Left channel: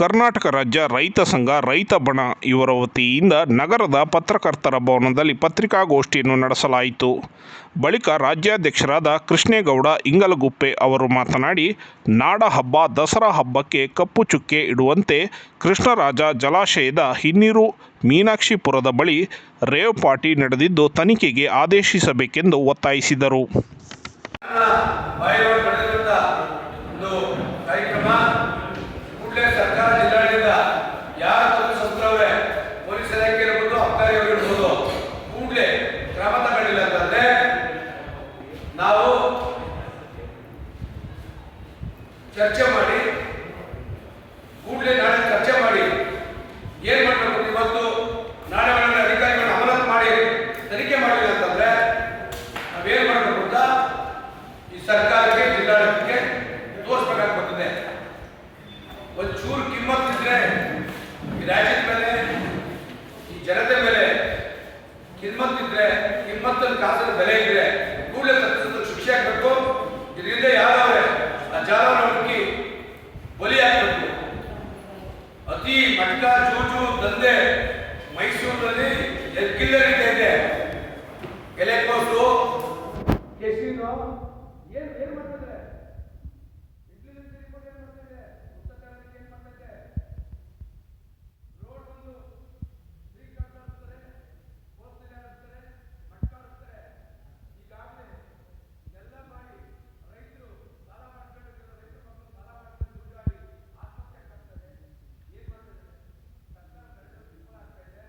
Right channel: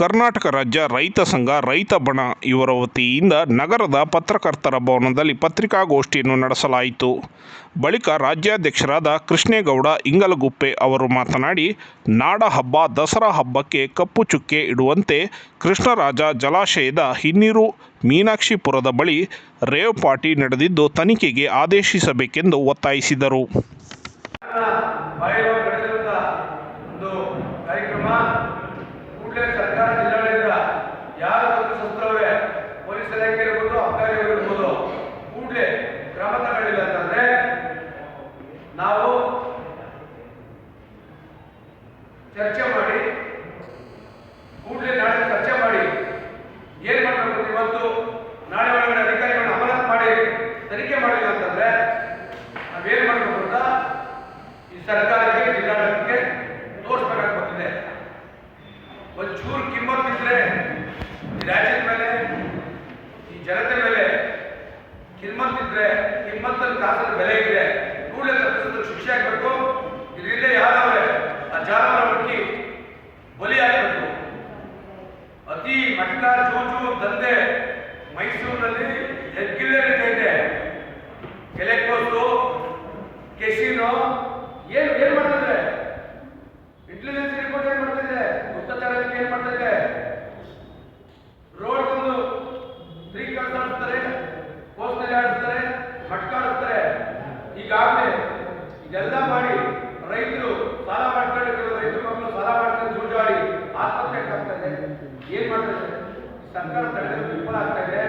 ಕರ್ನಾಟಕ ರಾಜ್ಯ ರೈತ ಸಂಘ, ರೈತ ಬಣ ಇವರ ವತಿಯಿಂದ ನಗರದ ಪತ್ರಕರ್ತರ ಭವನದಲ್ಲಿ ಪತ್ರಿಕಾಗೋಷ್ಠಿಯನ್ನು ನಡೆಸಲಾಯಿತು. ಬಳಿಕ ರಾಜ್ಯಾಧ್ಯಕ್ಷರಾದ ಕೃಷ್ಣೇಗೌಡ ಇಂಗಲಗುಪ್ಪೆ ಅವರು ಮಾತನಾಡಿ ನಾಡ ಹಬ್ಬ ದಸರಾ ಹಬ್ಬಕ್ಕೆ ಕಪ್ಪು ಚುಕ್ಕೆ ಇಡುವಂತೆ ಕೃಷ್ಣರಾಜ ಜಲಾಶಯದ ಹಿನ್ನೀರು ಮೀನಾಕ್ಷಿಪುರದ ಬಳಿ ರೇವ್ ಪಾರ್ಟಿ ನಡೆದಿದ್ದು ತನಿಖೆಗೆ ಆದೇಶಿಸಬೇಕೆಂದು ಒತ್ತಾಯಿಸಿದರು. ಕಾರ್ಯಕ್ರಮ ಸರ್ಕಾರ ಜಿಲ್ಲಾಡಳಿತ ಯಾರ ತಪ್ಪಿಸೋಸ್ತ್ರವೇ ಪೊಲೀಸ್ ಇಲಾಖೆ ಇರ್ಬೋದು ಅಧಿಕಾರಿಗಳು ಇರ್ಬೋದು, ಕೂಡಲೇ ಕ್ರಮ ತಗೊಳ್ಳಿಲ್ಲ ಅಂತಂದ್ರೆ ನಾವು ಚರ್ಚೆ ಮಾಡಿ, ಕೂಡಲೇ ನಾಳೆ ಚರ್ಚೆ ಮಾಡಿ ಏನ್ ಮಾಡಬೇಕು ಇವತ್ತು ನಾಳೆ ಒಳಗಡೆ ಅಧಿಕಾರಿಗಳನ್ನ ಅಮಾನತ್ ಮಾಡಿ, ತನಿಖೆ ಮಾಡಿಲ್ಲ ಅಂತಂದ್ರೆ ನಾವೇನ್ ಮಾಡಬೇಕು ಅಂತ ಈ ಸರ್ಕಾರಕ್ಕೆ, ಜಿಲ್ಲಾಡಳಿತಕ್ಕೆ ಒಂಚೂರು ಕಿಮ್ಮತ್ ಇದ್ರೆ ಈ ರಾಜ್ಯದ ಮೇಲೆ, ಈ ಜನತೆ ಮೇಲೆ ಕಿಮ್ಮತ್ ಇದ್ರೆ, ಕಿಮ್ಮತ್ತಲ್ಲಿ ಕಾಸಿನ ಬೆಲೆ ಇದ್ರೆ ಕೂಡಲೇ ತಪ್ಪಿಸೋದಕ್ಕೆ ಶಿಕ್ಷೆ ಆಗ್ಬೇಕು. ಇದರಿಂದ ಯಾರವ್ರೆ ಆ ಬಲಿ ಆಗ್ಬೇಕು. ಅತಿ ಮಟ್ಟ ಜೂಜು, ದಂಧೆ ಮೈಸೂರಿನಲ್ಲಿ ನಡೀತಾ ಇದೆ. ಎಲೆಕೋಸು ಕೆಸಿನೋ, ಏನು ಏನು ಮಾಡ್ತಿದ್ರೆ ಏನ್ ಮಾಡ್ತಿದೆ ರೋಡ್ ಬಂದು ಫ್ರೀ ಕಾರ್ಡ್ ಆಡಿಸ್ತಾರೆ ಪೋಸ್ಟ್ನಲ್ಲಿ ಆಡಿಸ್ತಾರೆ, ಮಟ್ಕ ಆಡಿಸ್ತಾರೆ. ಈಗಾಗಲೇ ಇದೆಲ್ಲ ಮಾಡಿ ರೈತರು ಸಾಲ ಮಾಡ್ಕೊಂಡಿರೋ ರೈತರು ಮಕ್ಕಳು ಸಾಲ ಮಾಡ್ಕೊಂಡು ಜೂಜಾಡಿ ಆತ್ಮಹತ್ಯೆ ಆಗ್ತಾ ಏನ್ ಮಾಡ್ತಾರೆ ಸರ್ಕಾರ ತಡೆದು ವಿಫಲ ಆಗ್ತಾ ಇದೆ.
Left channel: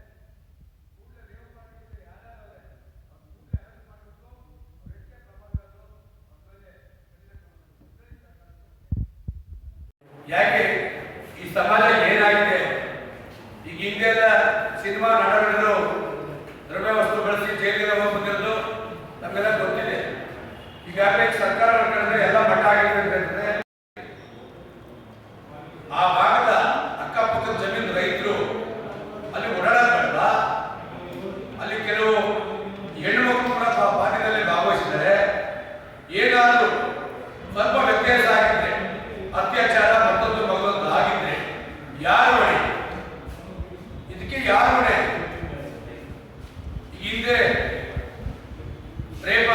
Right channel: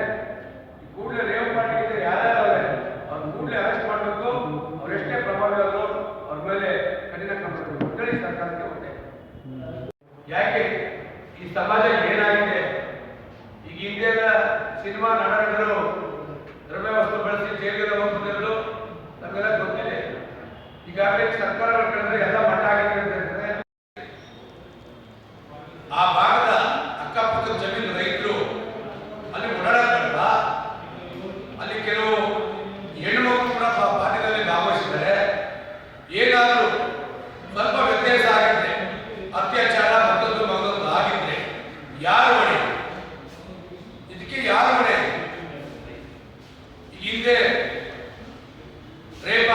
ಕೂಡಲೇ ರೇವ್ ಪಾರ್ಟಿಗೆ ಯಾರ್ಯಾರು ಅವ್ರೆ, ಅವ್ರು ಕೂಡಲೇ ಅರೆಸ್ಟ್ ಮಾಡಬೇಕು. ಅವರೆಷ್ಟೇ ಪ್ರಭಾವಿ ಆದ್ರು ಅವ್ರ ಮೇಲೆ ಕಠಿಣ ಕ್ರಮ ಸರ್ಕಾರಕ್ಕೆ ಒಂದೇ ಯಾಕೆ? ಈ ಸಮಾಜ ಏನಾಗಿದೆ? ಈಗ ಹಿಂದೆಲ್ಲ ಸಿನಿಮಾ ನಟರು ದ್ರವ್ಯ ವಸ್ತು ಬಳಸಿ ಜೈಲಿಗೆ ಹೋಗ್ಬಿಟ್ಟಿರೋದು ನಮಗೆಲ್ಲ ಗೊತ್ತಿದೆ. ಈಗಾಗಲೇ ಸರ್ಕಾರ ಕಂಡ್ರೆ ಎಲ್ಲ ಮಟ್ಟ ಆಗಿರ್ತದೆ ಆ ಭಾಗದ ಅಕ್ಕಪಕ್ಕದ ಜಮೀನು ರೈತರು ಅಲ್ಲಿ ಓಡಾಡೋದು ಅಲ್ಲಿ ಕೆಲವು ಹೆಣ್ಣು ಮಕ್ಕಳು ಕೂಡ ಪಾಠದಲ್ಲಿ ಭಾಗವಹಿಸಿದರೆ ಏನಾದರೂ ಹಿಂದೆ ರೇಪ್